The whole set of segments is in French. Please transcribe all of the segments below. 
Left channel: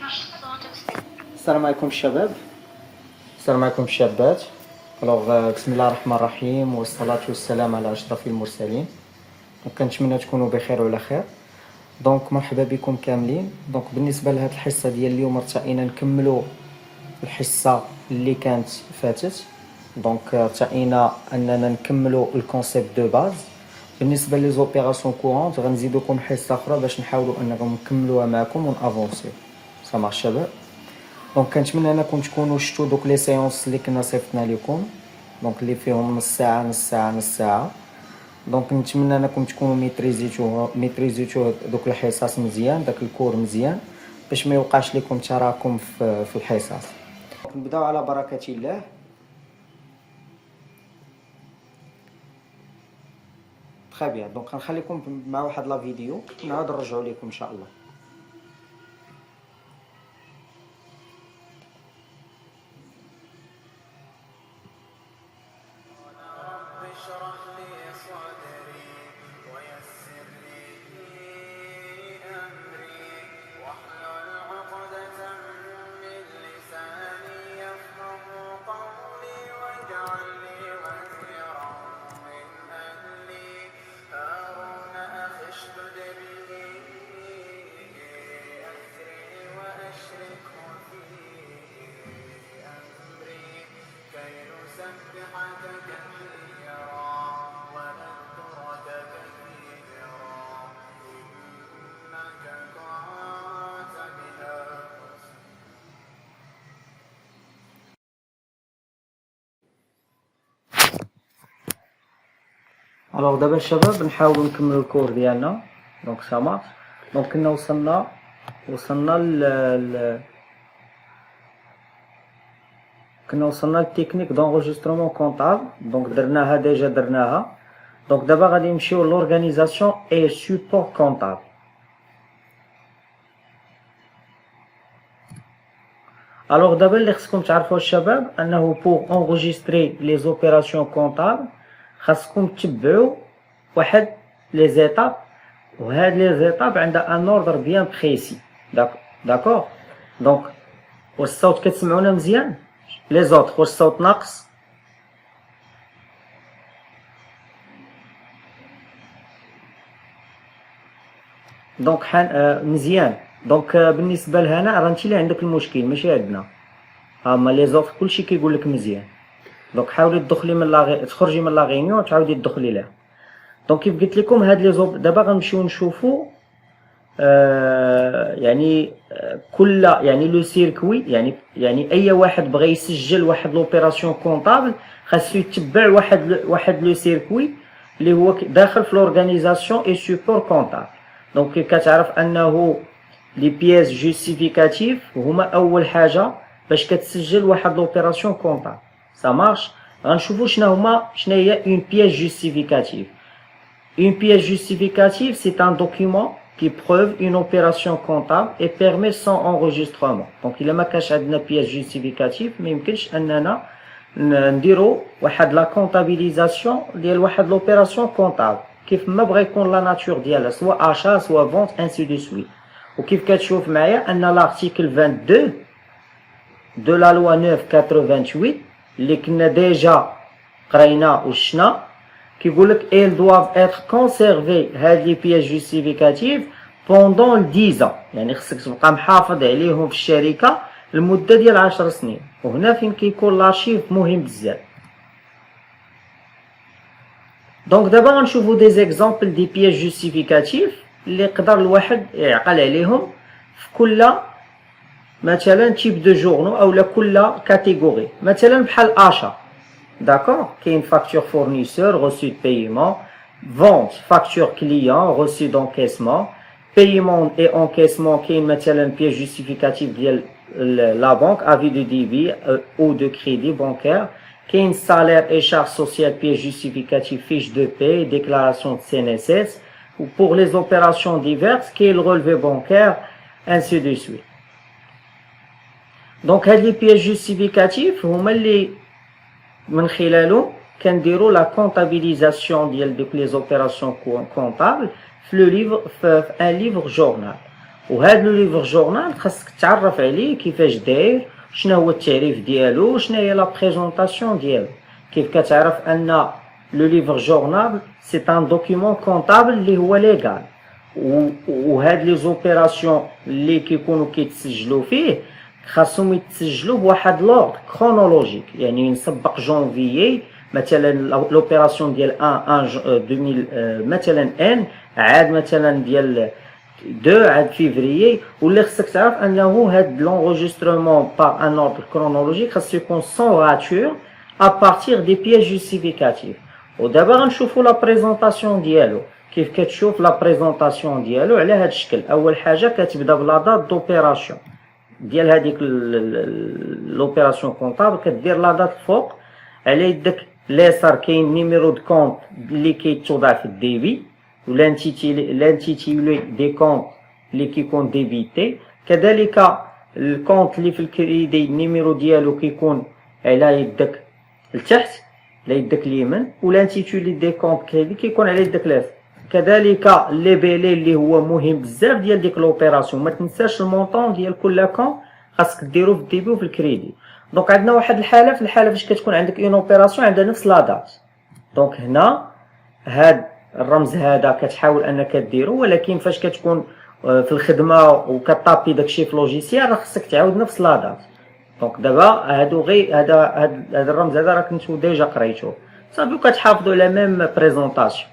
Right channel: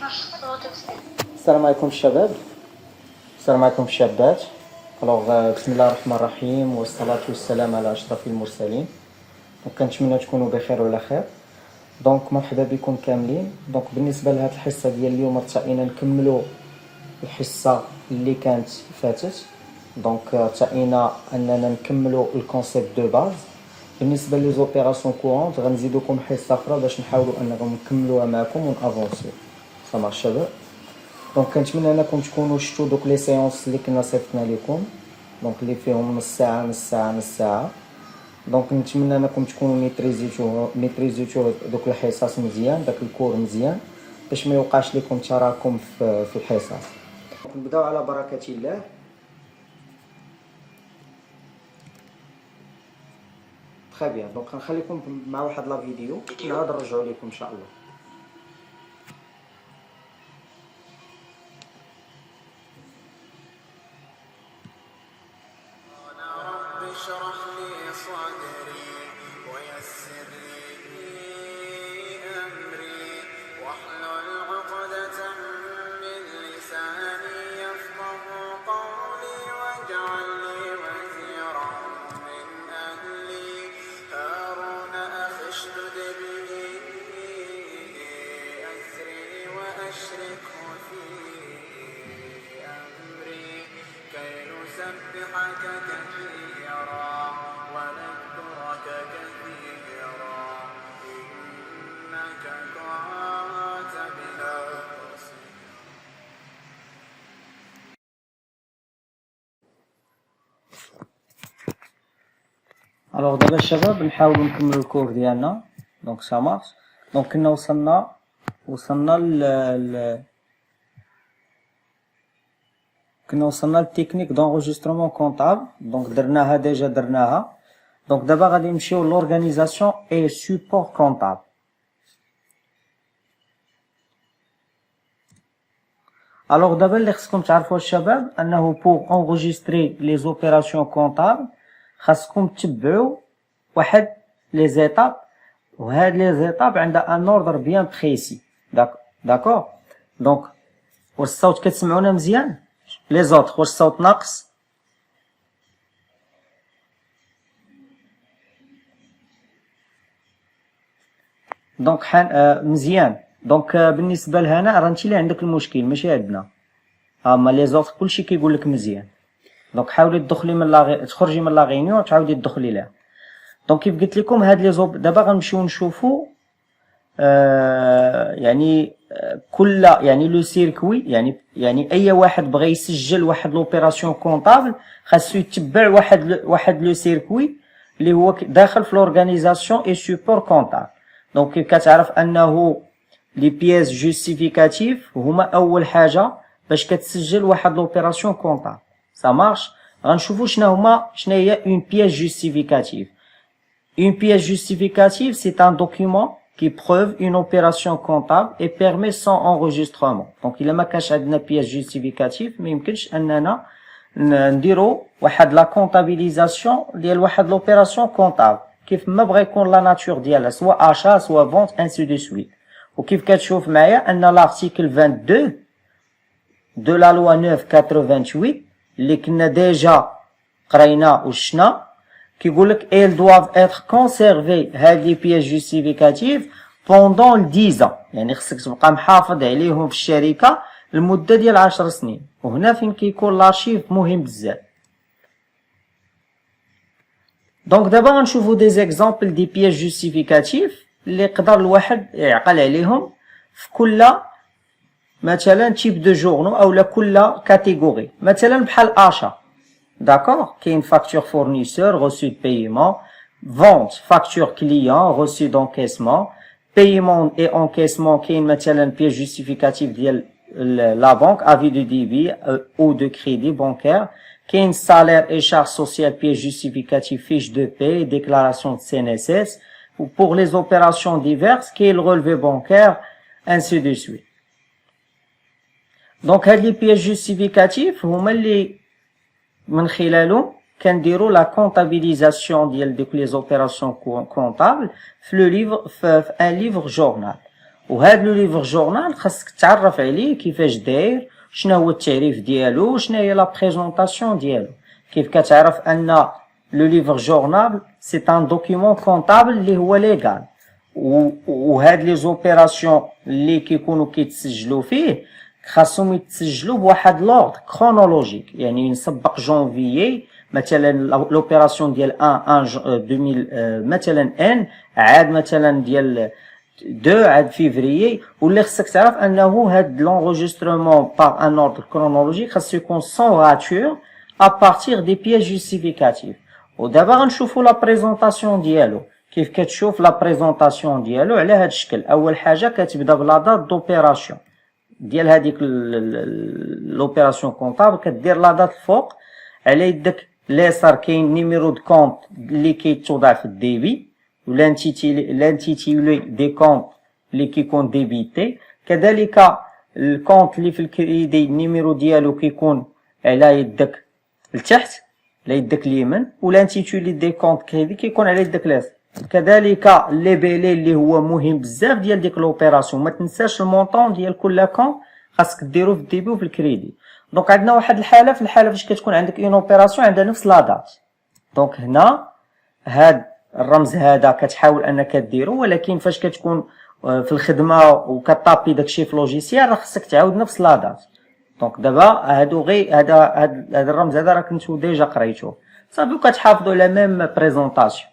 السلام عليكم الشباب، السلام عليكم الشابات. بسم الله الرحمن الرحيم والصلاة والسلام على أشرف المرسلين. كنتمنى تكونوا بخير وعلى خير. مرحبا بكم كاملين. بالنسبة لهاد الحصة ديال اليوم ارتئينا نكملوا الحصة اللي كانت فاتت. ارتئينا أننا نكملوا الكونسيبت دو باز. بالنسبة لي زوبيراسيون كورونت غنزيدوكم حصة أخرى باش نحاولوا أننا نكملوها معكم ونافونسيو. سامع الشباب؟ كنتمنى انكم تكونوا شفتوا دوك لي سيونس اللي كنا صيفطنا لكم، اللي فيهم نص ساعه نص ساعه نص ساعه. نتمنى انكم تكونوا ميتريزيتو دوك الحصص مزيان، داك الكور مزيان، باش ما يوقعش لكم تراكم في الحصص. نبداو على بركه الله. تري بيان. غنخليكم مع واحد لا فيديو نعاود نرجعوا لكم ان شاء الله. اشرح لي صدري ويسر لي أمري واحلل عقدة من لساني يفقه قولي واجعل لي وزيرا من أهلي هارون أخي اشدد به أزري وأشركه في أمري كي نسبحك كثيرا ونذكرك كثيرا إنك كنت بنا الوغ دابا الشباب نحاولوا نكملوا الكور ديالنا. سا مارش. كنا وصلنا للتكنيك دونجسترومون كونطابل. درناها ديجا درناها. دابا غادي نمشيو لورغانيزاسيون اي سوبور كونطابل. الوغ دابا اللي خصكم تعرفوا الشباب انه بوغ انغوجيستري لي زوبيراسيون كونطابل خاصكم تتبعوا واحد لي زيتاب، وهاد لي زيتاب عندها ان اوردر بيان بريسي. داكور. واش الصوت كتسمعونا مزيان؟ لي زوطخ واش الصوت ناقص؟ مزيان. بالنسبه لهنا راه انت اللي عندك المشكل ماشي عندنا. اما لي زوطخ كلشي كيقول لك مزيان. حاولي تدخلي من تخرجي من لا غينيون وتعاودي تدخلي ليها. كيف قلت لكم هاد لي دابا غنمشيو نشوفوا كل لو سيركوي، يعني اي واحد بغى يسجل واحد لوبيراسيون كونطابل خاصو يتبع واحد لو سيركوي اللي هو داخل في لورغانيزاسيون اي سوبور كونطابل. كيف كتعرف انه لي بييس جوستيفيكاتيف هما اول حاجه باش كتسجل واحد لوبيراسيون كونطابل. سا مارش. غنشوفوا شنو هي اون بييس جوستيفيكاتيف. Une pièce justificative, c'est un document qui prouve une opération comptable et permet son enregistrement. إلا ما كانش عندنا pièce justificative ما يمكنش أننا نديرو واحد لا كونطابيليزاسيون ديال واحد لوبيراسيون كونطابل كيف ما بغى يكون لا ناتور ديالها سواء achat سواء vente ainsi de suite. وكيف كتشوف معايا أن l'article 22 de la loi 9/88 اللي كنا ديجا قرينا وشنا كيقولك elles doivent être conservées هاد لي بياس جوستيفيكاتيف pendant 10 ans، يعني خصك تبقى محافظ عليهم في الشركة لمدة ديال 10 سنين. وهنا فين كيكون لارشيف مهم بزاف. دابا غنشوفو دي زيكزامبل دي بياس جوستيفيكاتيف اللي يقدر الواحد يعقل عليهم في كل مثلا تيب دو جورنو اولا كل كاتيجوري. مثلا بحال achat. D'accord, qui est une facture fournisseur, reçu de paiement, vente, facture client, reçu d'encaissement, paiement et encaissement qui est مثلا une pièce justificative de la banque, avis de débit ou de crédit bancaire, qui est une salaire et charge sociale, pièce justificative, fiche de paie, déclaration de CNSS, ou pour les opérations diverses, qui est le relevé bancaire, ainsi de suite. هذه les pièces justificatives هما اللي من خلاله كنديروا لا كونطابيليزاسيون ديال دوك لي زوبيراسيون كونطابل في لو ليفر في ان ليفر جورنال. وهذا لو ليفر جورنال خاصك تعرف عليه كيفاش داير، شنو هو التعريف ديالو، شنو هي لا بريزونطاسيون ديالو. كيف كتعرف ان لو ليفر جورنال سي ان دوكيومون كونطابل اللي هو ليغال، وهاد لي زوبيراسيون اللي كيكونوا كيتسجلوا فيه خاصهم يتسجلوا بواحد لوردر كرونولوجيك. يعني نسبق جونفيي مثلا لوبيراسيون ديال 1 2000 مثلا ان عاد مثلا ديال 2 عاد فيفريي. واللي خصك تعرف انه هاد لونغوجيسترمون بار ان اوردر كرونولوجيك خاصو يكون سون راتور ا بارتير دي بييس جوستيفيكاتيف. ودابا غنشوفوا لا بريزونطاسيون ديالو. كيف كتشوف لا بريزونطاسيون ديالو على هاد الشكل. اول حاجه كتبدا بلا دات دوبيراسيون ديال هذيك لوبيراسيون كونطابل، كدير لا دات الفوق، على يدك اليسار كاين نيميرو دو كونط اللي كيتوضع في الديبي، لانتيتيولي دي كونط اللي كيكون ديبيتي، كذلك الكونط اللي في الكريدي النيميرو ديالو كيكون على يدك لتحت على يدك اليمين، ولانتيتيولي دي كونط كريدي كيكون على يدك اليسار. كذلك لي بيلي اللي هو مهم بزاف ديال ديك لوبيراسيون، ما تنساش المونطون ديال كل كون خاصك ديرو في الديبي وفي الكريدي. دونك عندنا واحد الحاله، في الحاله فاش كتكون عندك اون اوبيراسيون عندها نفس لا دات، دونك هنا هاد الرمز هذا كتحاول انك ديرو، ولكن فاش كتكون في الخدمه وكطابي داكشي في لوجيسيال راه خصك تعاود نفس لا دات. دونك دابا هادو غير هذا الرمز هذا راه كنتو ديجا قريتوه صافي، وكتحافظوا على ميم بريزونطاسيون.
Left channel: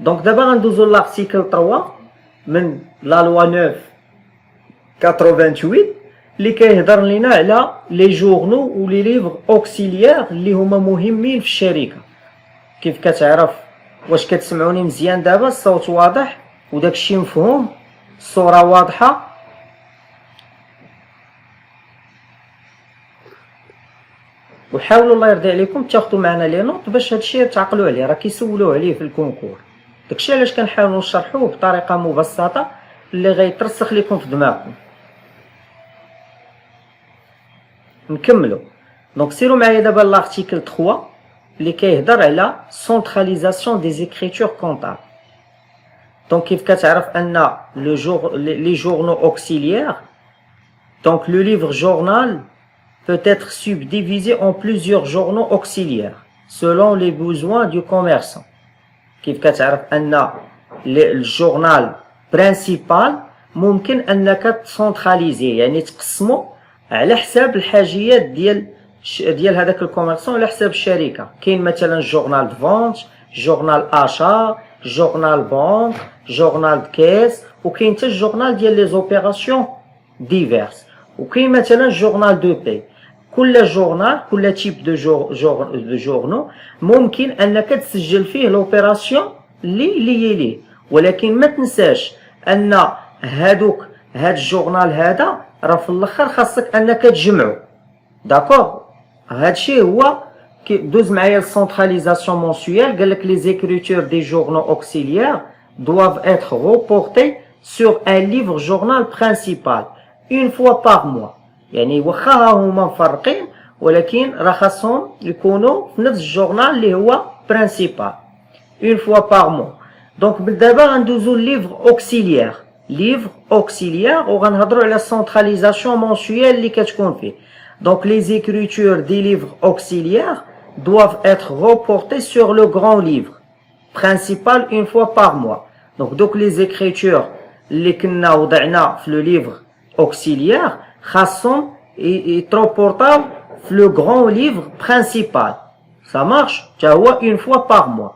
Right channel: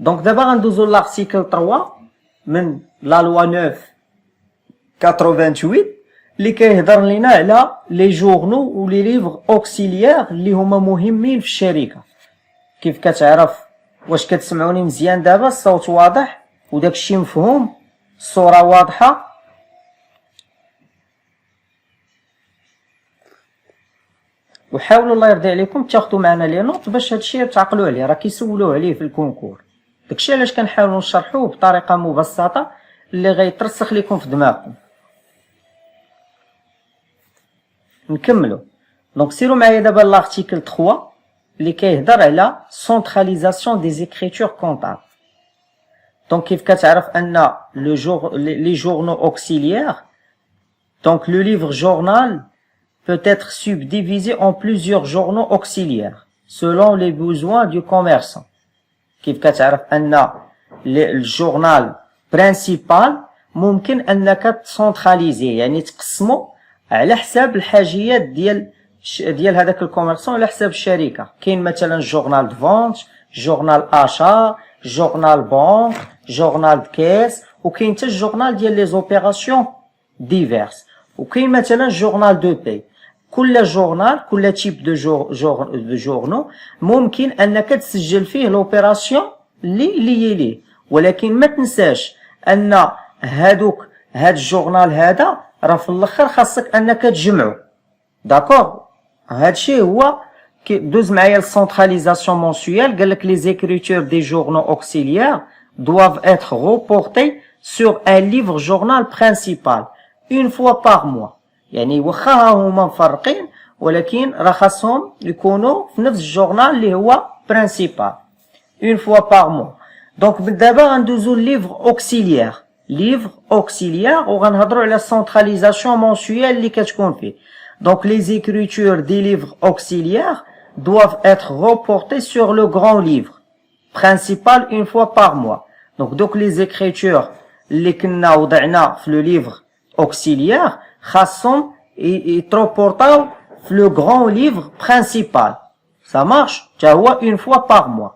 دونك دابا غندوزو لارتيكل 3 من لا لوا 988 اللي كيهضر لينا على لي جورنو و لي ليفر اوكسيليير اللي هما مهمين في الشركه. كيف كتعرف؟ واش كتسمعوني مزيان دابا؟ الصوت واضح وداكشي مفهوم، الصوره واضحه؟ وحاولوا الله يرضي عليكم تاخذوا معنا لي نوت باش هادشي تعقلوا عليه، راه كيسولوا عليه في الكونكور. داكشي علاش كنحاولوا نشرحوه بطريقه مبسطه اللي غيترسخ لكم في دماغكم. نكملوا. دونك سيروا معايا دابا لارتيكل 3 اللي كيهضر على سونتراليزاسيون دي زيكريتور كونطابل. دونك كيف كتعرف ان لي جورنو اوكسيليير، دونك لو ليفر جورنال peut être subdivisé en plusieurs journaux auxiliaires selon les besoins du commerçant. كيف كتعرف ان الجورنال برينسيبال ممكن انك تسونتراليزي، يعني تقسمو على حساب الحاجيات ديال هذاك الكوميرسون، على حساب الشركه. كاين مثلا جورنال دو فونت، جورنال اشا، جورنال بونك، جورنال كيس، وكاين حتى الجورنال ديال لي زوبيراسيون ديفيرس، وكاين مثلا جورنال دو بي. كل جورنال، كل تيب دو جورنو ممكن انك تسجل فيه لوبيراسيون اللي يليه، ولكن ما تنساش ان هاد الجورنال هذا راه في الاخر خاصك انك تجمعو. داكوغ؟ هادشي هو دوز معايا السونتراليزاسيون مونسيوال. قالك لي زيكريتور دي جورنو اوكسيليير doivent être reportés sur un livre journal principal une fois par mois. يعني واخا هما مفرقين ولكن راه خاصهم يكونوا في نفس الجورنال اللي هو برينسيبال اون فوا باغ مو. دونك دابا غندوزو ليفر اوكسيليير. ليفر اوكسيليير وغنهضروا على السونتراليزاسيون مونسيوال اللي كتكون فيه. دونك لي زيكريتور دي ليفر اوكسيليير doivent être reportés sur le grand livre principal une fois par mois. Donc les écritures اللي كنا وضعنا في لو ليفر اوكسيليير خاصهم يتروبورطاو في لو غران ليفر برينسيبال. سا مارش تا هو اون فوا باغ موا.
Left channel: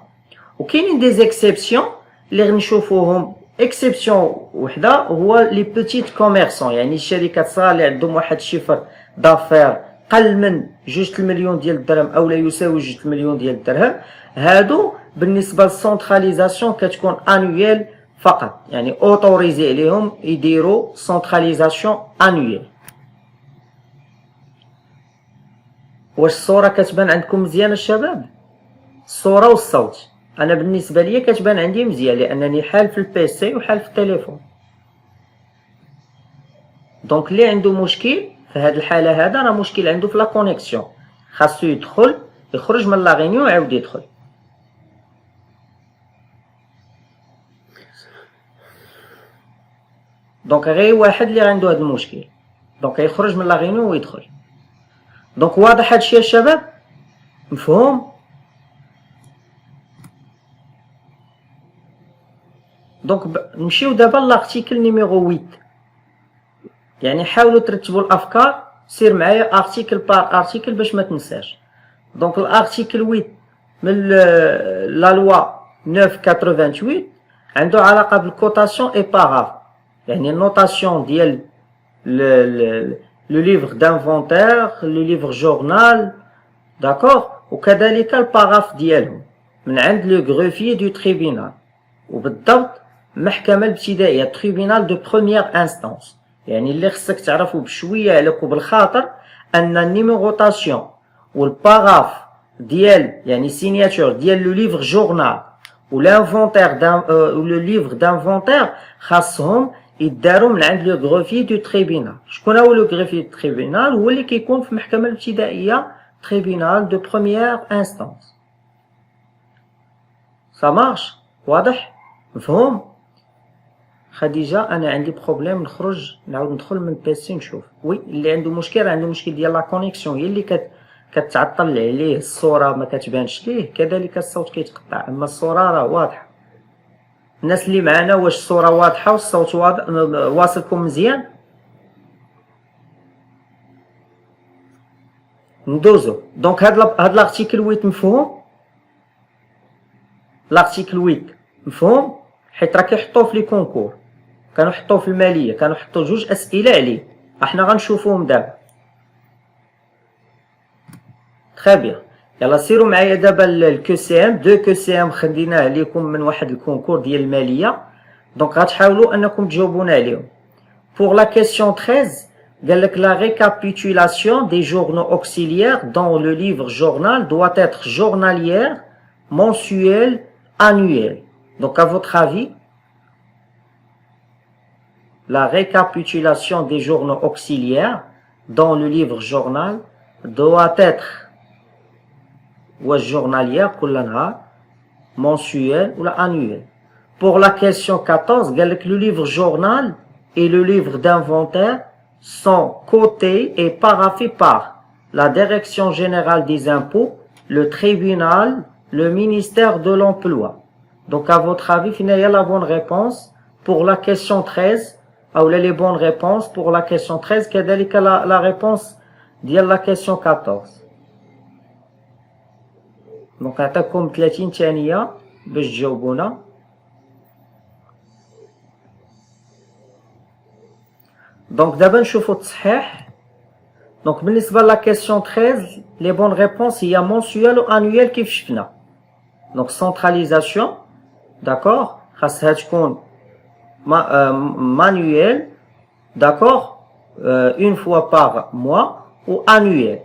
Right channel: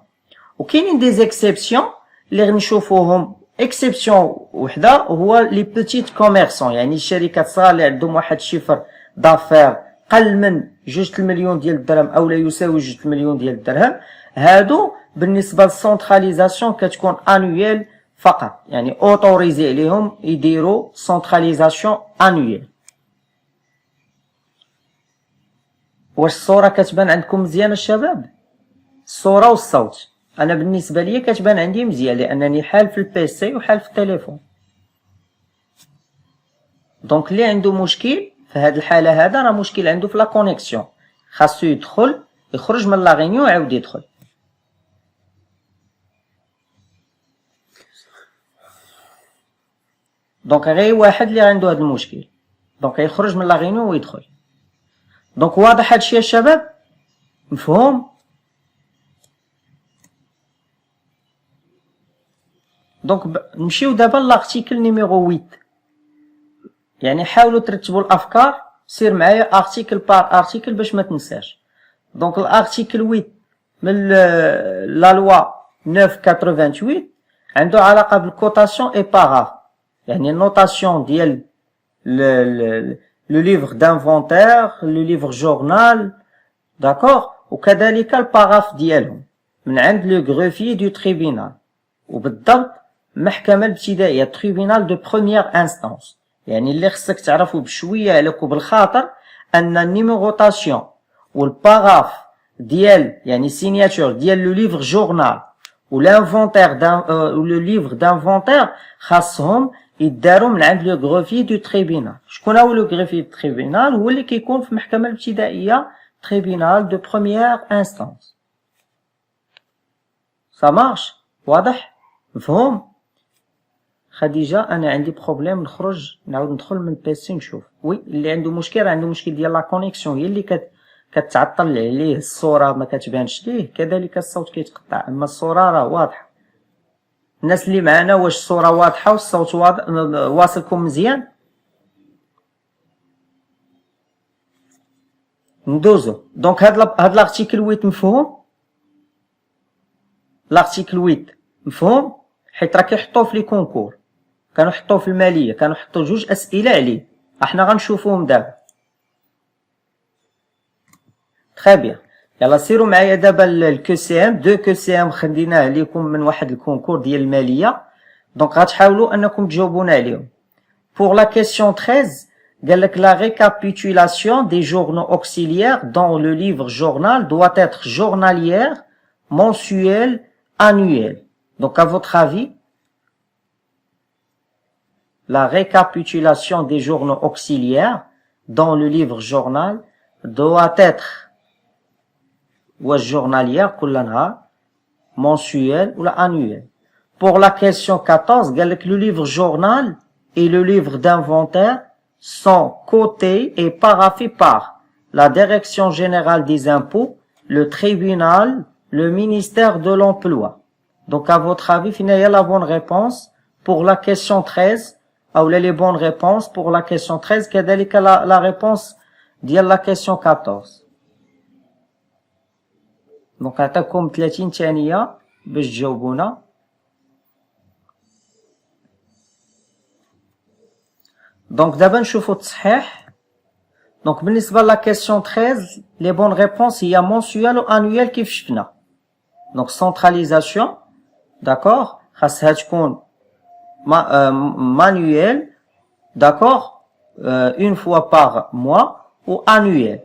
وكاينين دي زيكسيبسيون اللي غنشوفوهم. اكسيبسيون وحده هو لي بوتيت كوميرسون، يعني الشركات الصغار اللي عندهم واحد الشفر دافير قل من 2 مليون ديال الدرهم او لا يساوي 2 مليون ديال الدرهم. هادو بالنسبه للسونتراليزاسيون كتكون انويل فقط، يعني اوتوريزي عليهم يديروا سونتراليزاسيون انويل. واش الصوره كتبان عندكم مزيان الشباب؟ الصوره والصوت انا بالنسبه لي كتبان عندي مزيان لانني حال في البيسي وحال في التليفون. دونك اللي عنده مشكل في هذه الحاله هذا راه مشكل عنده في لا كونيكسيون، خاصو يدخل يخرج من لا غينيون ويعاود يدخل. دونك غير واحد اللي عنده هذا المشكل، دونك يخرج من لا غينيون ويدخل. دونك واضح هادشي يا شباب؟ مفهوم؟ دونك نمشيو دابا لارتيكل نيميرو 8. يعني حاولوا ترتبوا الافكار، سير معايا ارتيكل بار ارتيكل باش ما تنساش. دونك الارتيكل 8 من لا لوا 988 عنده علاقه بالكوتاسيون اي باراف، يعني النوتاسيون ديال لو ليفر دانفونتير، لو ليفر جورنال، داكوغ، وكذلك الباراف ديالهم من عند لو غروفيي دو تريبينال، وبالضبط المحكمه الابتدائيه تريبينال دو بروميير انستانس. يعني اللي خصك تعرفوا بشويه عليك وبالخاطر ان النيميروطاسيون والباراف ديال يعني سيناتور ديال لو ليفر جورنال والانفونتير لو ليفر دانفونتير خاصهم يداروا من عند لو غروفي دو تريبينال. شكون هو لو غروفي دو تريبينال؟ هو اللي كيكون في المحكمه الابتدائيه تريبينال دو بروميير انستانس. سا مارش؟ واضح؟ مفهوم؟ خديجه انا عندي بروبليم، نخرج نعاود ندخل من بيسي نشوف. وي اللي عنده مشكل ديال لا كونيكسيون هي اللي كتعطل عليه، الصوره ما كتبانش ليه، كذلك الصوت كيتقطع، اما الصوره راه واضحه. الناس اللي معنا واش الصوره واضحه والصوت واضح واصلكم مزيان؟ ندوزو. دونك هاد لارتيكل 8 مفهوم؟ لارتيكل 8 مفهوم؟ حيت راه كيحطوه في لي كونكور، كانوا حطوه في الماليه، كانوا حطوا جوج اسئله عليه، احنا غنشوفوهم دابا. تري بيان. يلا سيروا معايا دابا الكو سي ام. دو كو سي ام خديناه ليكم من واحد الكونكور ديال الماليه، دونك غتحاولوا انكم تجاوبونا عليهم. Pour la question 13, la récapitulation des journaux auxiliaires dans le livre journal doit être journalière, mensuelle, annuelle. Donc, à votre avis, la récapitulation des journaux auxiliaires dans le livre journal doit être journalière, mensuelle ou annuelle. Pour la question 14, le livre journal et le livre d'inventaire sont cotés et paraphés par la Direction générale des impôts, le tribunal, le ministère de l'Emploi. Donc, à votre avis, il y a la bonne réponse pour la question 13, ou les bonnes réponses pour la question 13, quelle est la réponse de la question 14. Donc, عطاكم 30 ثانية باش تجاوبونا. دونك دابا نشوفوا التصحيح. دونك بالنسبه لا كيسيون 13 لي بون ريبونس هي مونسيوال و انويال كيف شفنا. دونك سنتراليزاسيون داكوغ خاصها تكون مانويل داكوغ اون فوا باغ موا و انويال.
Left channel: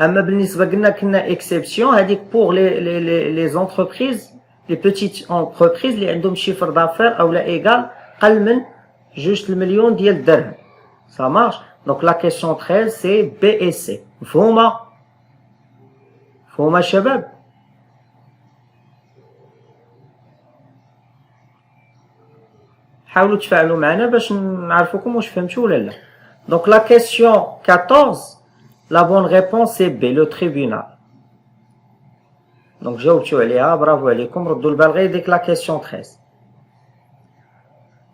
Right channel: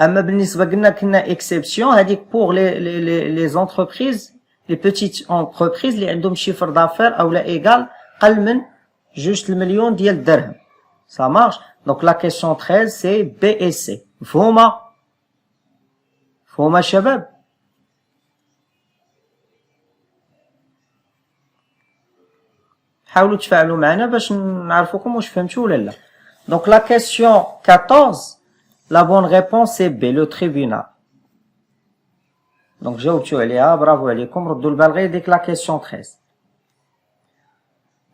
اما بالنسبه كنا اكسبسيون هذيك بور لي زونتربريز لي بيتيت انتربريز اللي عندهم شيفر دافير او لا ايغال قل من 2 مليون ديال الدرهم. Ça marche. Donc la question 13 c'est B et C. مفهومة؟ مفهومة شباب؟ حاولوا تفاعلوا معنا باش نعرفوكم واش فهمتوا ولا لا. Donc la question 14, la bonne réponse c'est B, le tribunal. Donc جاوبتوا عليها، برافو عليكم، ردوا البال غير ديك la question 13.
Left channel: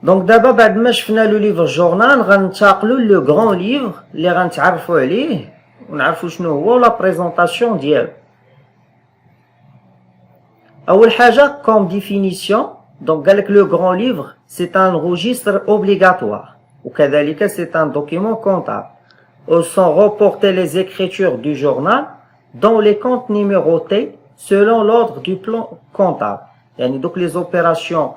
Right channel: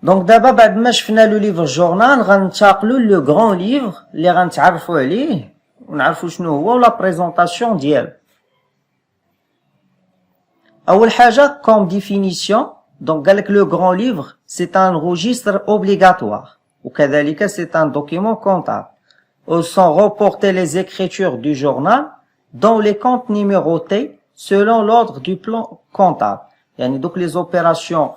دونك دابا بعد ما شفنا لو ليفر جورنال غنتقلوا لو غران ليفر اللي غنتعرفوا عليه ونعرفوا شنو هو ولا بريزونطاسيون ديالو. اول حاجه كوم ديفينيسيون، دونك قالك لو غران ليفر سي ان روجيستر اوبليغاتوار وكذلك سي ان دوكيمون كونطابل où sont reportées les écritures du journal dans les comptes numérotés selon l'ordre du plan comptable. يعني دوك لي زوبيراسيون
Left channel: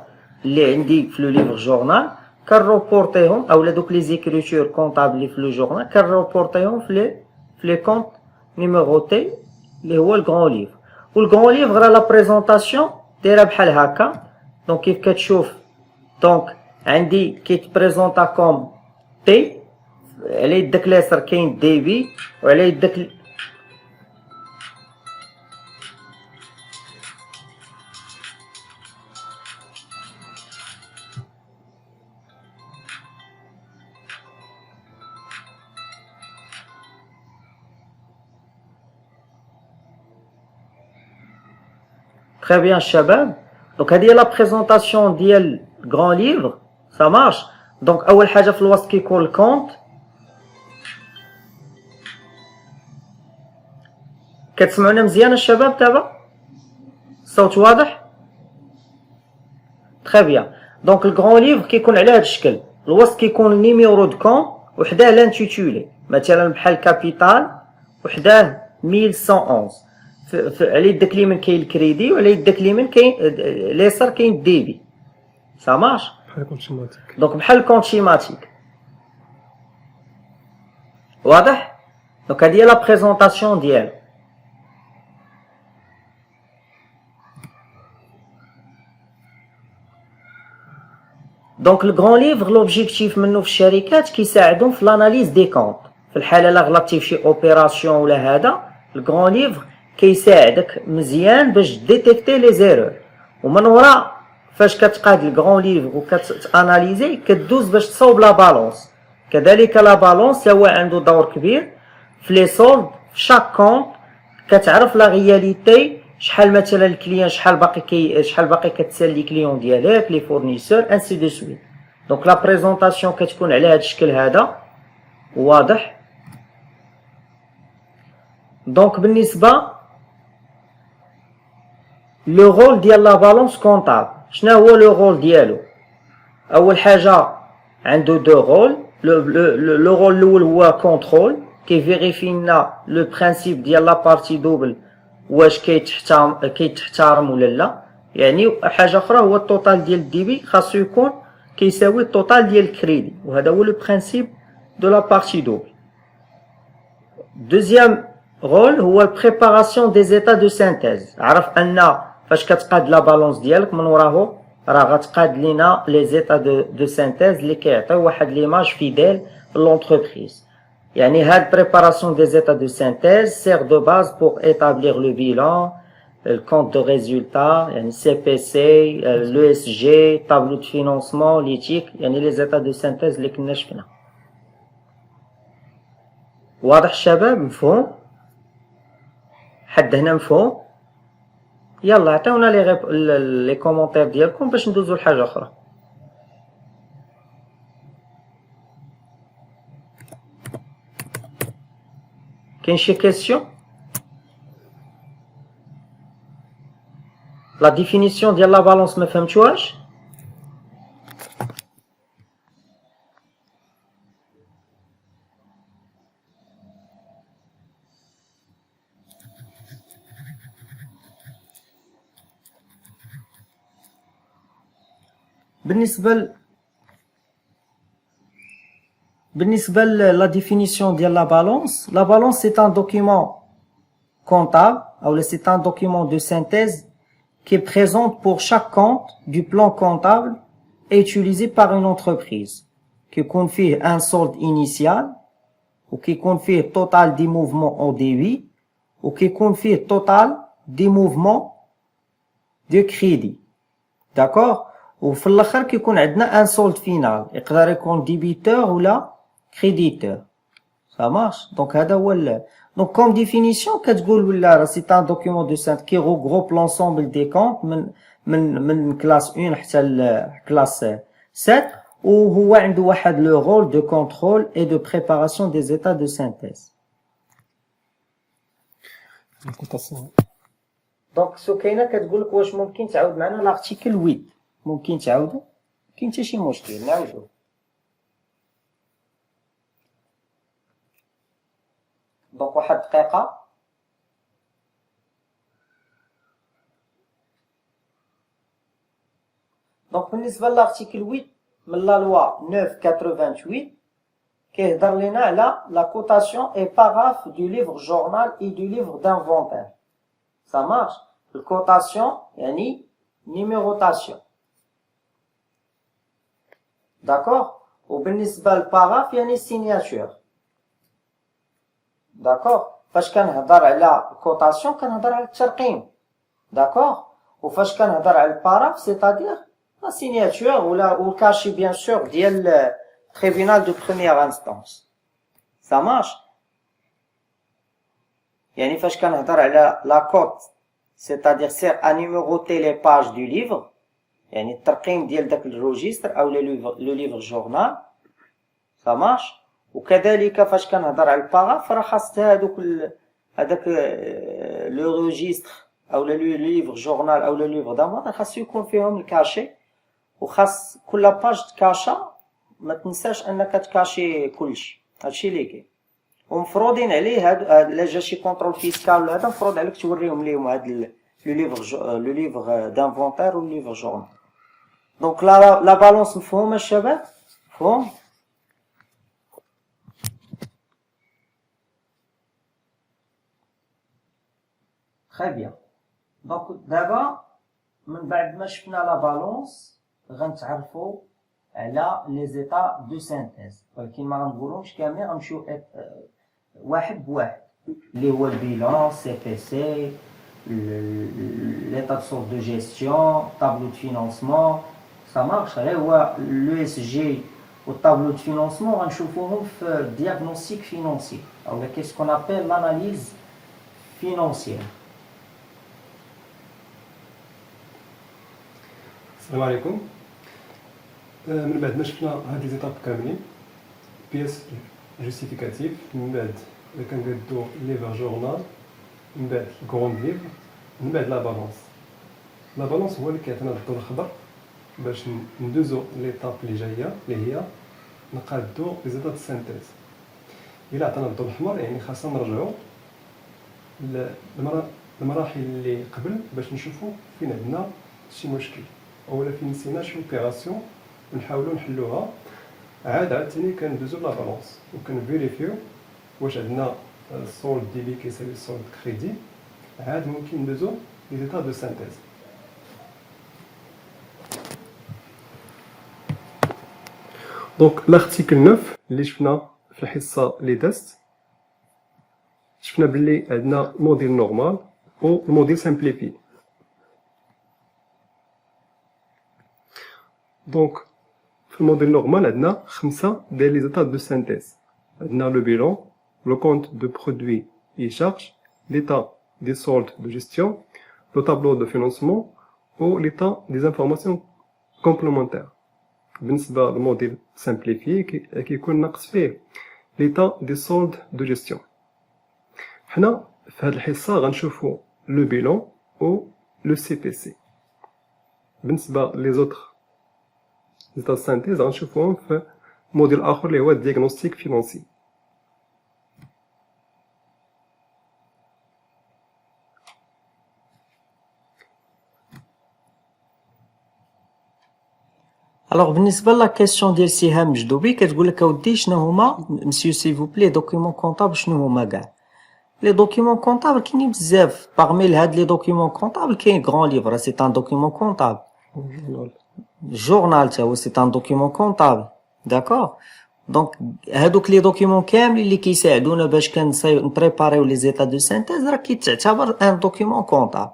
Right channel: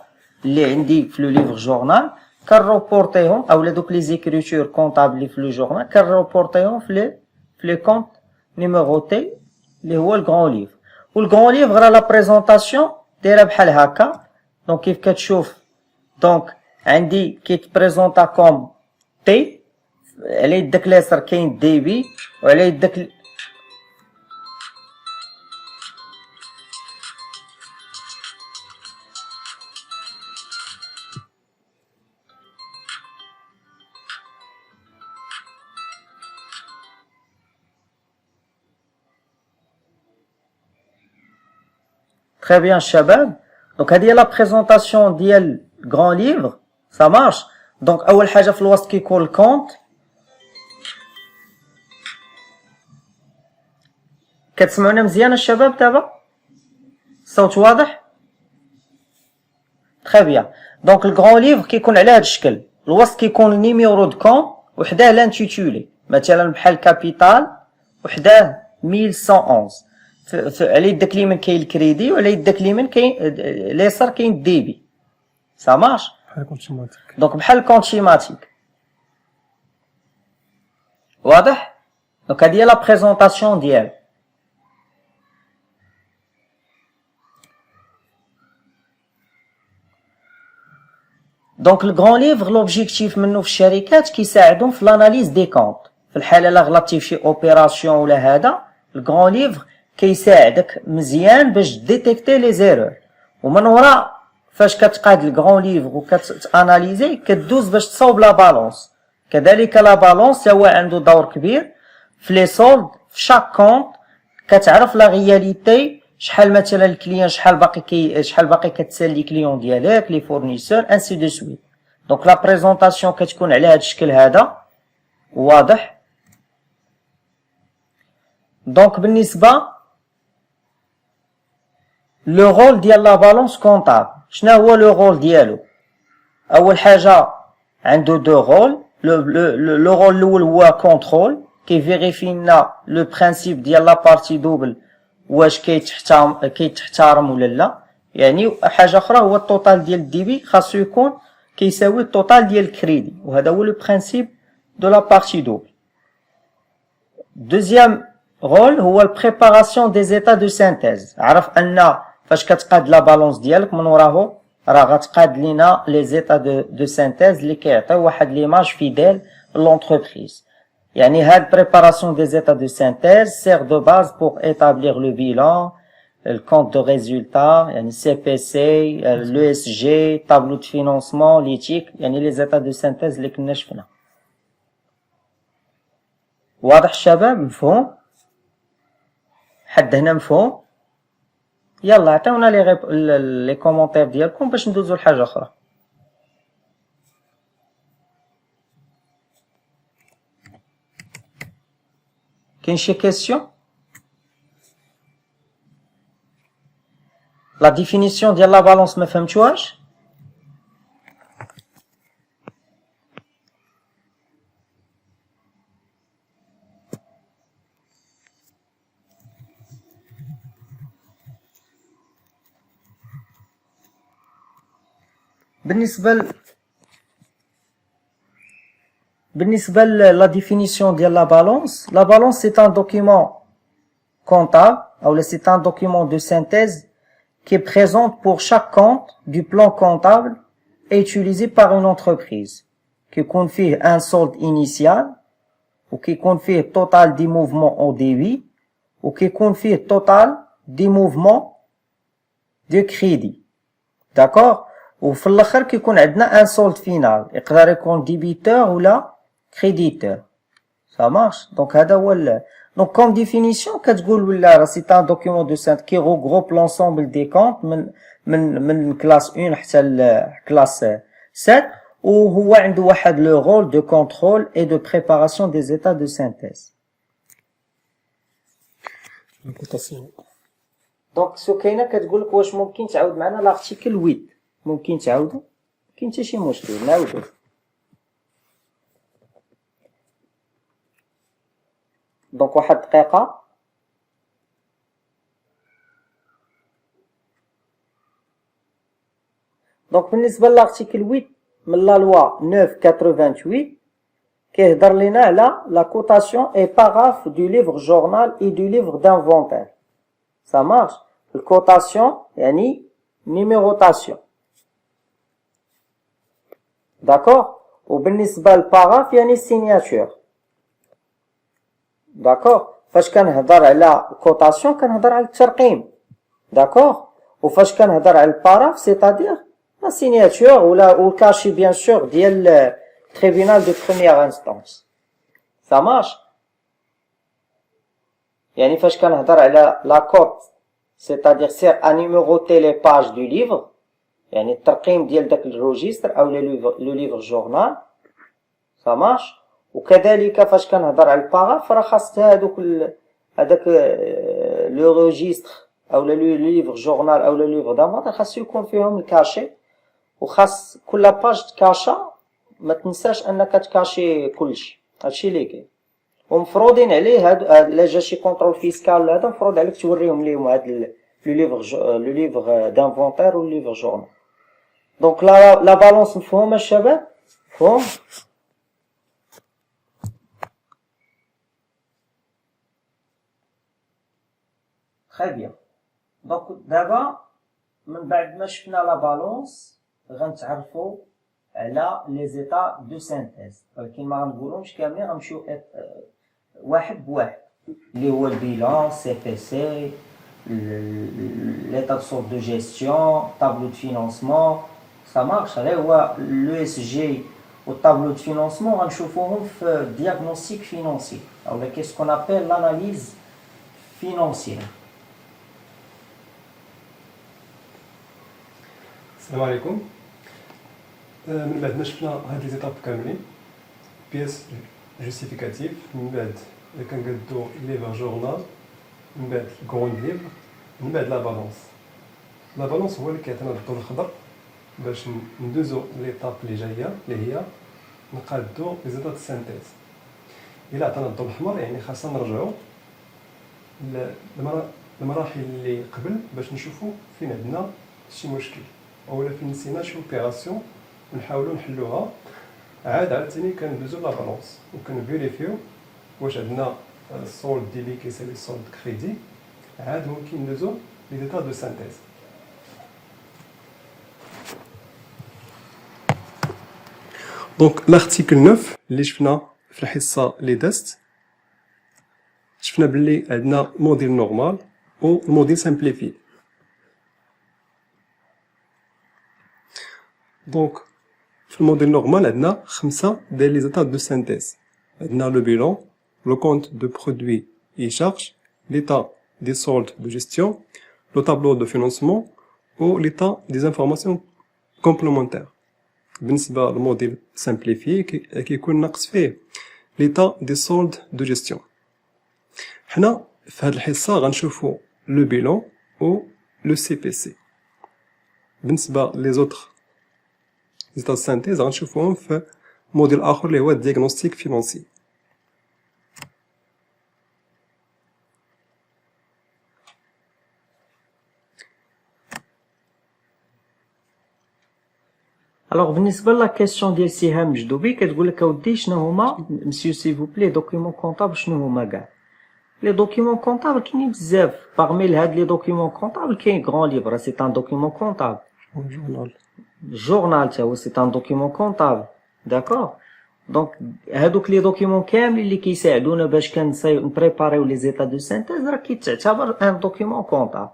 اللي عندي في لو ليفر جورنال كنروبورتيهم اولا دوك لي زيكريتور كونطابل اللي في لو جورنال كنروبورتيهم في لي كونط نيميروتي اللي هو الغران ليفر. والغران ليفر راه لا بريزونطاسيون دايره بحال هكا. دونك كيف كتشوف دونك عندي كيتبريزونطا كوم تي، على يدك اليسار كاين دي بي وعلى يدك Très bien, الشباب. Donc هذه هي لا بريزونطاسيون ديال grand livre. Ça marche. Donc أول حاجة في الوسط كيكون الكونت. كتسمعونا مزيان الشباب دابا؟ الصوت واضح؟ Très bien. Donc le grand livre كيكون على هذا الشكل. الوسط كيكون النيميرو دو كون وحداه لانتيتولي. مثلا بحال كابيتال وحداه 1111. على يدك اليمين كاين الكريدي وعلى يدك اليمين كاين اليسار كاين الديبي. Ça marche. بحال كون شيماتيك. دونك بحال الكونت شيماتيك. واضح؟ دونك هادي هي لا بريزونطاسيون ديالو. دونك الكرون ليفر لوبجيكتيف منه في الشركات كيساعدهم في لاناليز دي كونت. في الحاله الا غلطتي في شي اوبيراسيون ولا هذا الكرون ليفر كيساعدك مزيان باش ديتيكتي لي زيرور. ومن وراء فاش كتقاد الكرون ليفر وكتاناليزي كدوز باش تصاوب لا بالونس. كذلك لا بالونس هو عنده دور كبير في لي سولد في شاك كونت. كتعرف لا رياليتي شحال مثلا الكليان شحال باقي كتسالي كليون ديالك لي فورنيسور انسي دو سويت. دونك لا بريزونطاسيون كتكون على هذا الشكل هذا واضح. دونك بالنسبه لو رول ديال لا بالونس كونطابل شنو هو لو رول ديالو؟ اول حاجه عنده دو رول. لو رول الاول هو كونترول كيفيريفي لنا لو برينسيپ ديال لا بارتي دوبل واش كيتحترم ولا لا. يعني حاجه اخرى هو التوتال ديال الديبي خاصو يكون كيساوي التوتال ديال الكريدي وهذا هو لو برينسيپ دو لا بارتي دوبل. دوزيام رول هو البريباراسيون دي زيتا دو سينتيز. عرف ان فاش كتقاد لا بالونس ديالك من وراه راه غتقاد لينا لي زيتا دو سينتيز اللي كيعطيو واحد ليماج فيديل لونتربريز. يعني هاد préparation des états de synthèse sert de base pour établir le bilan, le compte de résultat, يعني CPC, l'ESG, tableau de financement, l'éthique, يعني les états de synthèse اللي كنا شفنا. واضح الشباب؟ مفهوم؟ حد هنا مفهوم؟ يلا عطيونا لي كومونتير ديالكم باش ندوزو لحاجة أخرى. كاين شي كيسيون؟ لا ديفينيسيون ديال لا بالونس ما فهمتوهاش؟ بالنسبة لا définition ديال la balance c'est un document comptable ou c'est un document de synthèse qui présente pour chaque compte du plan comptable et utilisé par une entreprise qui confie un solde initial ou qui confie total des mouvements au débit ou qui confie total des mouvements de crédit. D'accord? وفي الاخر كيكون عندنا ان سولد فينال يقدر يكون ديبيتور ولا كريديتور. Ça marche. Donc هذا هو donc comme définition كتقول ولا راه سي ان دوكيومون دو سانت كي regroupe l'ensemble des comptes من كلاس 1 حتى كلاس 7 وهو عنده واحد لو رول دو كونترول et de préparation des états de synthèse. دونك سكينه كتقول لك واش ممكن تعاود معنا لارتيكل 8؟ ممكن تعاودوا؟ كاين حتى شي مشكل نعاودو. دونك واحد دقيقه. دونك بالنسبه لارتيكل 8 من لا لوا 988 كيهضر لينا على لا كوتاسيون اي باراف دو ليفر جورنال اي دو ليفر دانفونتير. Ça marche. الكوتاسيون يعني نيميروتاسيون. D'accord. وبالنسبة للباراف يعني السيناتور. D'accord. فاش كنهضر على الكوتاسيون كنهضر على الترقيم. D'accord. وفاش كنهضر على الباراف سيتادير لا سيناتور ولا الكاشي بيان سور ديال التريبينال دو بروميير انستونس. Ça marche. يعني فاش كنهضر على لا كوت c'est-à-dire sert à numéroter les pages du livre يعني الترقيم ديال داك الروجيستر او لو ليفر جورنال ça marche. وكذلك فاش كنهضر على الباراف راه خاص هذاك لو روجيستر او لو ليفر جورنال او لو ليفر دافونتاج خاص يكون فيهم الكاشي وخاص كل باج تكاشا ما تنساش انك تكاشي كلشي هادشي اللي كاين ومفروضين عليه هاد الا جا شي كونترول فيسكال هذا مفروض عليك توريهم ليهم هاد لو ليفر دانفونتير و ليفر جورنال. دونك لا بالونس مفهومه الشباب مفهوم très bien. دونك دابا من بعد ما شفنا لا بالونس غنتعرفوا على لي زيتا دو سينتيز ولكن ما غنقولهمش كاملين غنمشيو واحد بواحد اللي هو البيلان سي بي سي l'état de sorte de gestion tableau de financement ça marche غير هو لو اس جي والtableau de financement غنشوفوهم في diagnostic financier او qu'est-ce qu'on appelle l'analyse financière. السلام عليكم. من بعد ما شفنا هاد لي زيتاب كاملين بياس جوستيفيكاتيف من بعد كنقادو ليفر جورنال من بعد كروند ليفر من بعد لا بالونس هو اللي كيعطينا الضوء الخضر باش ندوزو ليطاب اللي جايه اللي هي نقادو لي زيتاب السينتيز. الا عطانا الضوء الاحمر يعني خاصنا نرجعو المراحل اللي قبل باش نشوفو فين عندنا شي مشكل اولا فين نسينا شي اوبيراسيون ونحاولوا نحلوها عاوتاني كندوزو لا بالونس وكنفيريفيو واش عندنا السولد ديبي كيساوي السولد كريدي عاد ممكن ندوزو لي زيتا دو سانتيز. دونك لارتيكل 9 اللي شفنا في الحصه اللي دازت شفنا بلي عندنا موديل نورمال و الموديل سامبليفي. دونك في الموديل نورمال عندنا 5 ديال لي زيتا دو سانتيز. عندنا لو بيلون لو كونت دو برودوي اي شارج l'état des soldes de gestion le tableau de financement ou l'état des informations complémentaires. بالنسبه للموديل سامبليفي كيكون ناقص فيه l'état des soldes de gestion. حنا في هذه الحصه غنشوفوا لو بيلون او لو سي بي سي. بالنسبه لي زوتر زيتا سانتيز غنشوفوهم في موديل اخر اللي هو الدياغنوستيك فينانسي. الوغ بالنسبه لا كيسيون ديال سهام مجدوبي كتقول لك اودي شنو هما مسيو سي فو بلي دوكيومون كونطابل شنو هما كاع لي دوكيومون كونطابل كاينين بزاف باغمي هاد لي دوكيومون كونطابل كاين غران ليفر سي ان دوكيومون كونطابل جورنال تا هو سي ان دوكيومون كونطابل داكوغ. دونك هادوك لي دوكيومون كاملين اللي كيساعدونا باش نبريباريو لي زيتا دو سينتيز راه كيتعتبر ان دوكيومون كونطابل.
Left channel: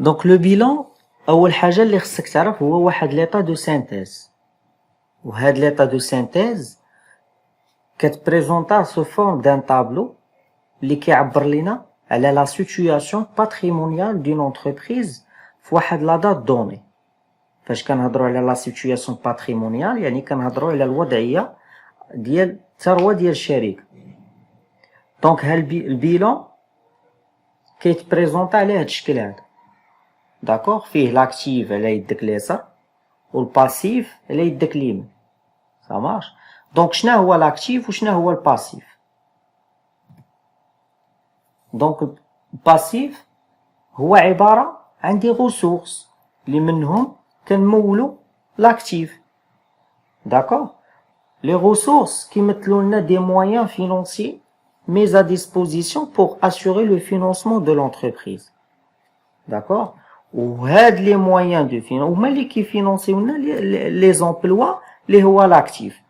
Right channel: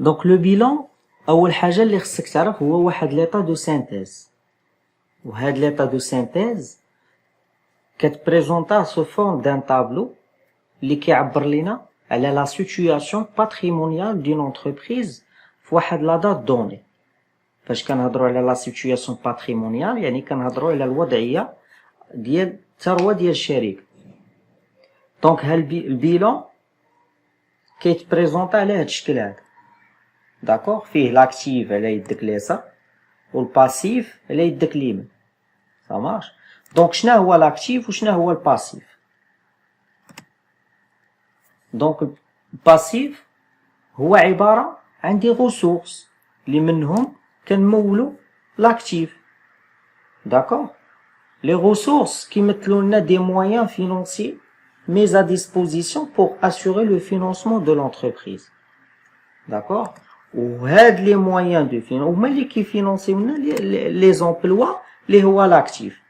دونك لو بيلون اول حاجه اللي خصك تعرف هو واحد ليطا دو سينتيز وهاد ليطا دو سينتيز كتبريزونطا سو فورم دان طابلو اللي كيعبر لينا على لا سيتوياسيون باتريمونيال دون انتربريز في واحد لا دات دوني. فاش كنهضروا على لا سيتوياسيون باتريمونيال يعني كنهضروا على الوضعيه ديال الثروه ديال الشركه. دونك ها البيلون كيتبريزونطا على هاد الشكل هذا داكوغ فيه لاكتيف على يدك اليسار والباسيف على يدك اليمين ça marche. دونك شنو هو لاكتيف وشنو هو الباسيف؟ دونك الباسيف هو عباره عن دي ريسورس اللي منهم كنمولوا لاكتيف داكوغ. لي ريسورس كيمثلوا لنا دي مويان فينانسيي mis à disposition pour assurer le financement de l'entreprise d'accord. وهاد لي مويان دو فين هما اللي كيفينونسيونا لي زومبلوا اللي هو لاكتيف.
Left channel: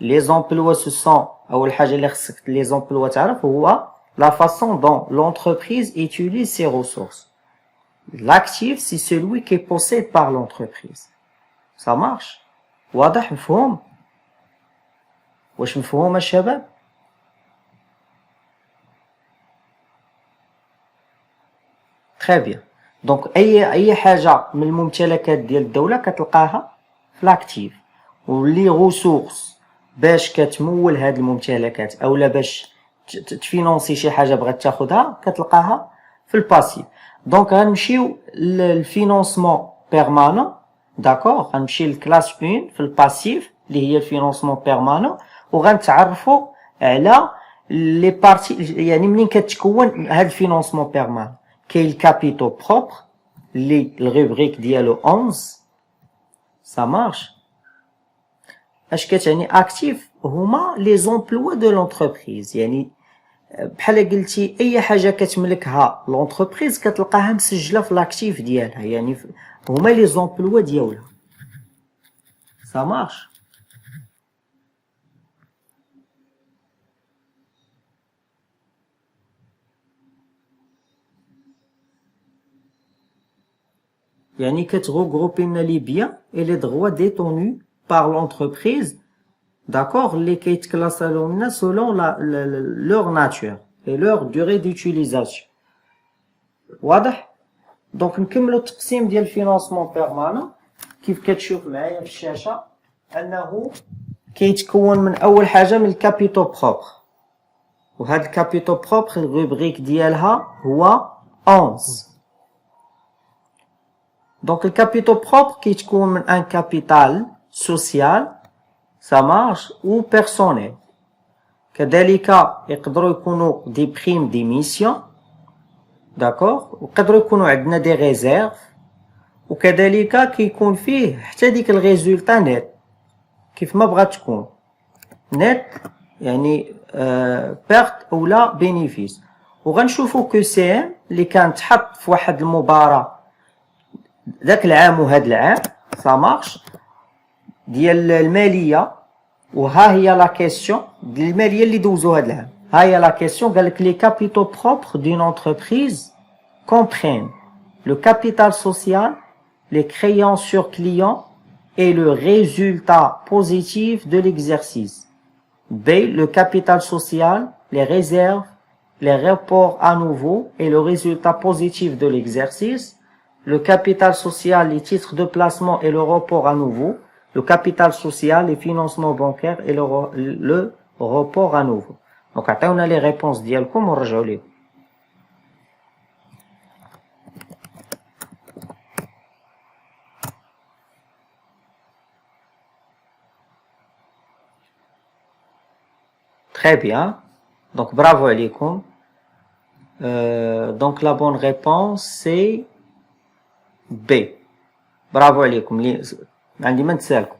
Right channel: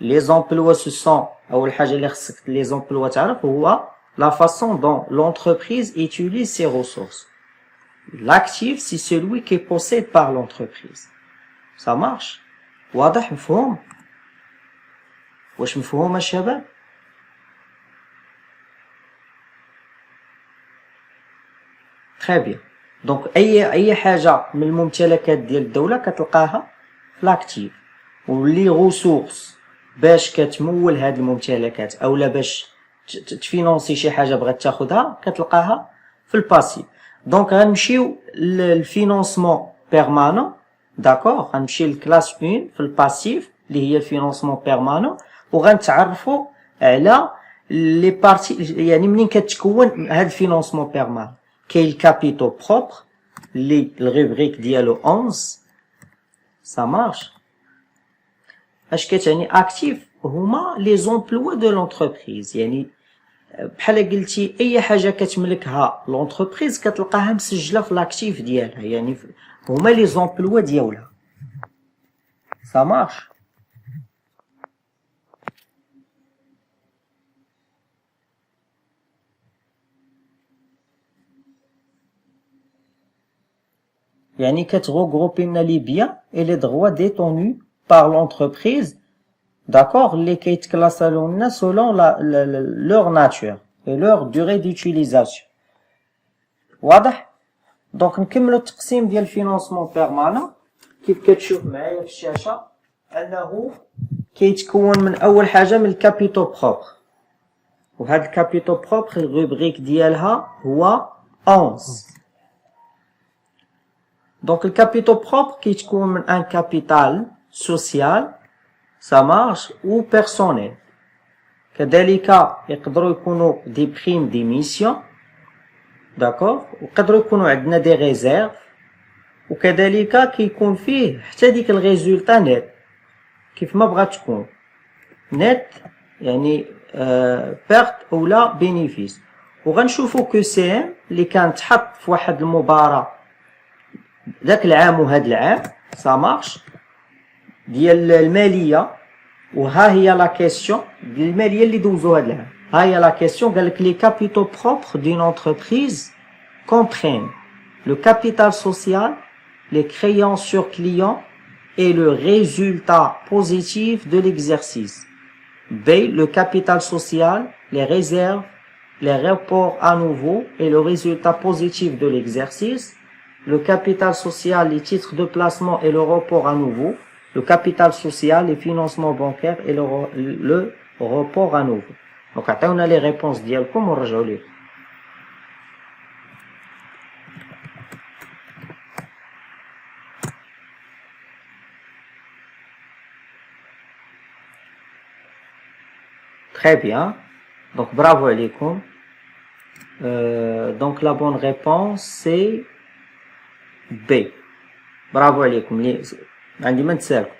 لي زومبلوا سو سون اول حاجه اللي خصك لي زومبلوا تعرف هو لا فاصون دون لونتربريز utilise ses ressources. L'actif c'est celui qui est possédé par l'entreprise. Ça marche واضح مفهوم؟ واش مفهوم الشباب؟ تري بيان. دونك اي حاجه من الممتلكات ديال الدوله كتلقاها في لاكتيف، واللي غوسورس باش كتمول هاد الممتلكات اولا باش تفينونسي شي حاجه بغات تاخدها كتلقاها في الباسيف. دونك غنمشيو للفينونسمون بيرمانون. داكوغ، غنمشي لكلاس 1 في الباسيف اللي هي الفينونسمون بيرمانون، وغنتعرفوا على لي بارتي. يعني منين كتكون هاد الفينونسمون بيرمانون؟ كاين الكابيتو بروبر اللي الغوبريك ديالو 11 سا مارش. اش كتعني اكتيف؟ هما لي زومبلوا دو لونتربريز، يعني بحال قلتي اي حاجه كتملكها لونتربريز كتلقاها مسجله في لاكتيف ديالها، يعني هما لي زومبلوا ديالها. سا مارش. يعني كتغوغروبي لنا لي بيان اي لي droits détenus par l'entreprise. D'accord, اللي كيتكلاسالو لنا selon leur nature et leur durée d'utilisation. واضح؟ دونك نكملو التقسيم ديال الفينونسمون بيرمانون. كيف كتشوف معايا في الشاشه انه كيتكون من اول حاجه من الكابيتو بروبر، وهاد الكابيتو بروبر الروبريك ديالها هو 11. دونك الكابيتو بروبر كيتكون من ان كابيتال سوسيال سا مارش و بيرسونيل. كذلك يقدروا يكونوا دي بريم ديميسيون، داكوغ، ويقدروا يكونوا عندنا دي ريزيرف، وكذلك كيكون فيه حتى ديك الريزولتا نيت كيف ما بغات تكون نيت، يعني بيرت اولا بينيفيس. وغنشوفوا كو سي ام اللي كان تحط في واحد المباراة ذاك العام وهاد العام سا مارش ديال الماليه. وها هي لا كيسيون ديال الماليه اللي دوزو هاد العام. ها هي لا كيسيون، قالك لي كابيتو بروبر دون انتربريز comprennent le capital social, les créances sur client et le résultat positif de l'exercice. B, le capital social, les réserves, les reports à nouveau et le résultat positif de l'exercice. Le capital social, les titres de placement et le report à nouveau. Le capital social, les financements bancaires et le report à nouveau. Donc, on a les réponses ديالكم ونرجعوا ليه. Très bien. Donc, bravo عليكم. Donc, la bonne réponse, c'est B. برافو عليكم. عندي ما نتسالكم.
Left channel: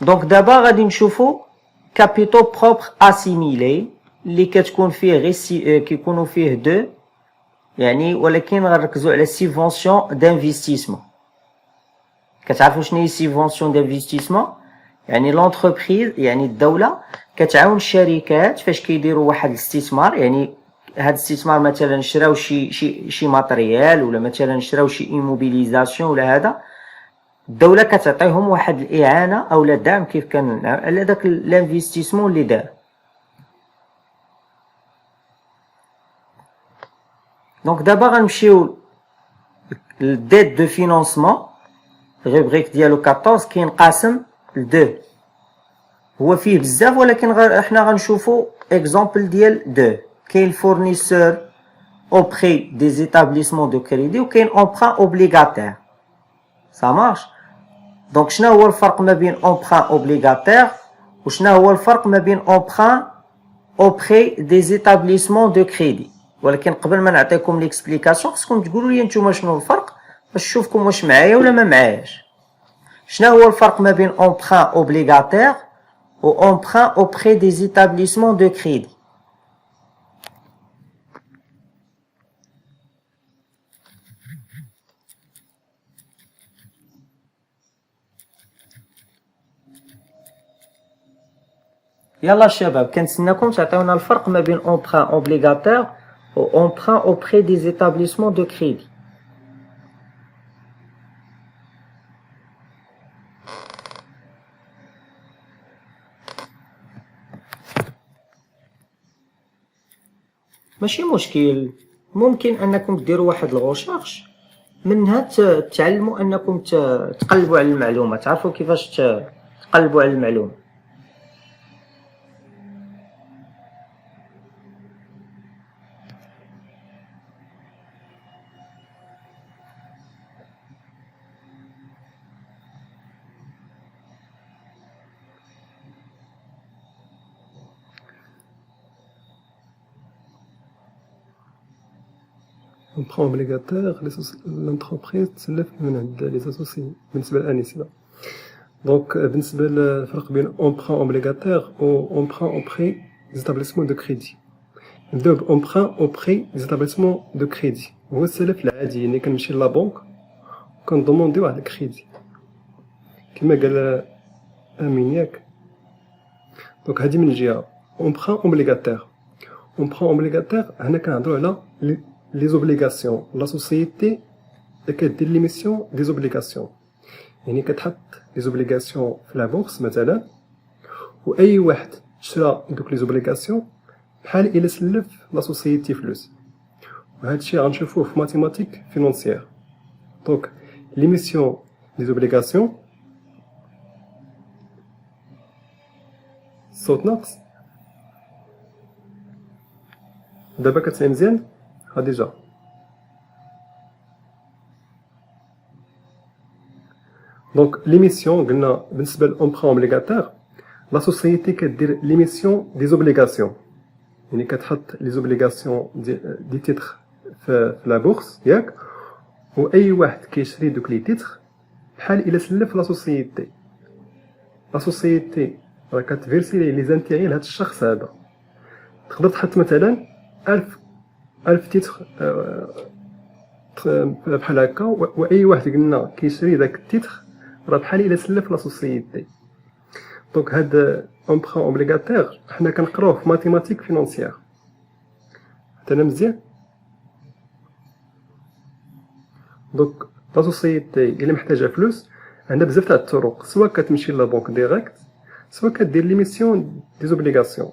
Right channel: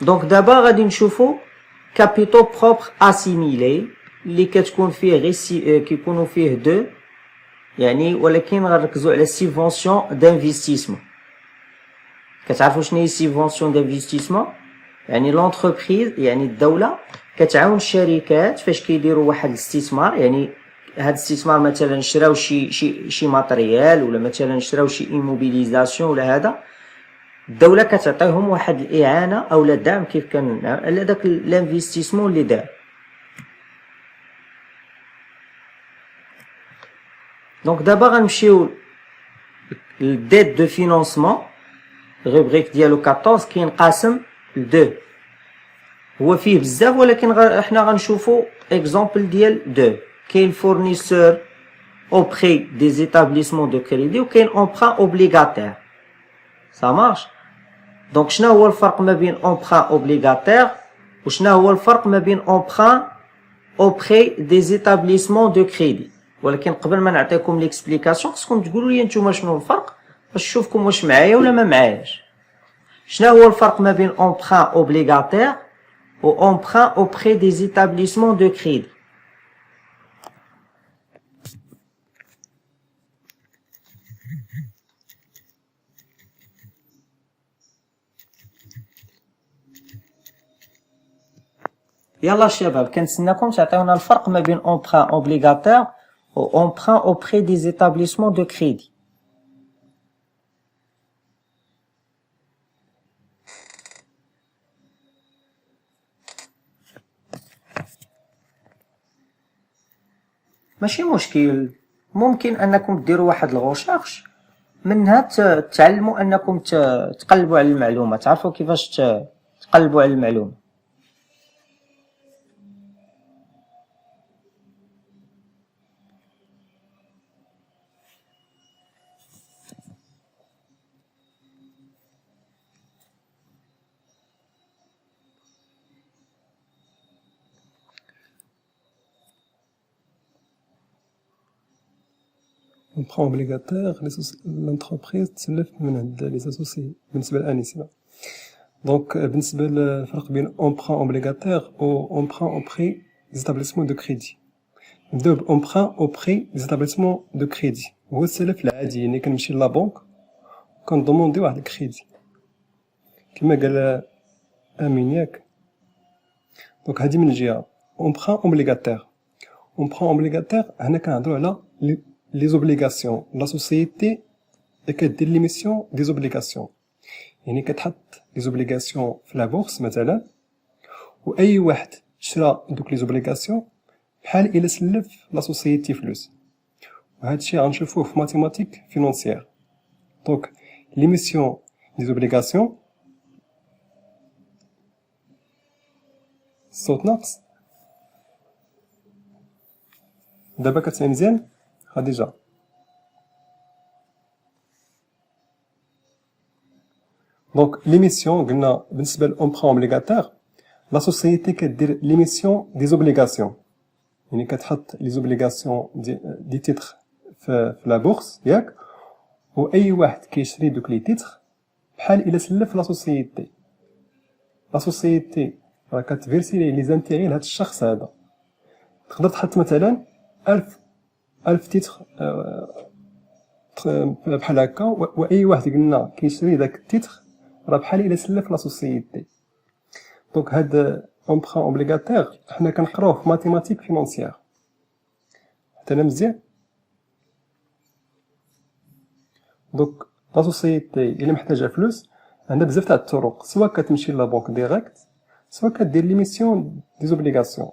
دونك دابا غادي نشوفوا كابيتو بروبر اسيميلي اللي كتكون فيه غير كيكونوا فيه دو، يعني ولكن غنركزوا على سيفونسيون دانفستيسمون. كتعرفوا شنو هي سيفونسيون دانفستيسمون؟ يعني لونتربريز، يعني الدوله كتعاون الشركات فاش كيديروا واحد الاستثمار. يعني هاد الاستثمار مثلا شراو شي ماتريال، ولا مثلا شراو شي ايموبيليزاسيون، ولا هذا الدوله كتعطيهم واحد الاعانه او الدعم كيف كان على داك الانفستيسمون اللي دار. دونك دابا غنمشيو للديت دو فينونسمون. الروبريك ديالو 14 كينقسم ل2. هو فيه بزاف ولكن احنا غنشوفوا اكزامبل ديال 2. كاين فورنيسور auprès des établissements de crédit وكاين emprunt obligataire. ça marche. دونك شنو هو الفرق ما بين emprunt obligataire وشنو هو الفرق ما بين emprunt auprès des établissements de crédit؟ ولكن قبل ما نعطيكم ليكسبليكاسيون خصكم تقولوا لي نتوما شنو الفرق باش نشوفكم واش معايا ولا ما معاياش. شنو هو الفرق ما بين emprunt obligataire و emprunt auprès des établissements de crédit؟ يلا الشباب كنتسناكم تعطيونا الفرق ما بين emprunt obligataire و emprunt auprès des établissements de crédit. ماشي مشكل، ممكن انكم ديروا واحد الغوشيرش منها تعلموا انكم تقلبوا على المعلومه، تعرفوا كيفاش تقلبوا على المعلومه. emprunt obligataire l'entreprise تسلف من عند لي اسوسي بالنسبه لانيسه. دونك بالنسبه للفرق بين emprunt obligataire و emprunt auprès des établissements de crédit. نبداو بemprunt auprès des établissements de crédit، هو السلف العادي، يعني كنمشي لا بنك كنضموندي واحد الكريدي كما قال امين ياك. دونك هادي من جهه emprunt obligataire. emprunt obligataire هنا كنهضروا على les obligations. La société كدير l'émission des obligations، يعني كتحط les obligations في لا بورس مثلا، واي واحد شرا دوك les obligations بحال الا سلف لا سوسيتي فلوس، وهذا الشيء غنشوفوه في ماتيماتيك فينانسيير. دونك l'émission des obligations صوت ناقص دابا كتسمع مزيان خديجة. دونك ليميسيون قلنا بالنسبه للامبرون اوبليغاتير، لا سوسيتي كدير ليميسيون دي زوبليغاسيون، يعني كتحط لي زوبليغاسيون دي تيتر في لا بورس ياك، واي واحد كيشري دوك لي تيتر بحال الا سلف لا سوسيتي. لا سوسيتي راه كتفيرسي لي زانتيغي لهاد الشخص هذا. تقدر تحط مثلا 1000 تيتر بحال هكا، واي واحد قلنا كيشري داك التيتر راه بحال الا سلف لا سوسيتي. دونك هاد امبرون اوبليغاتير حنا كنقراوه في ماتيماتيك فينانسيير. حتى انا مزيان. دونك لا سوسيتي الا محتاجه فلوس عندنا بزاف تاع الطرق، سواء كتمشي لا بنك ديريكت، سواء كدير ليميسيون دي زوبليغاسيون.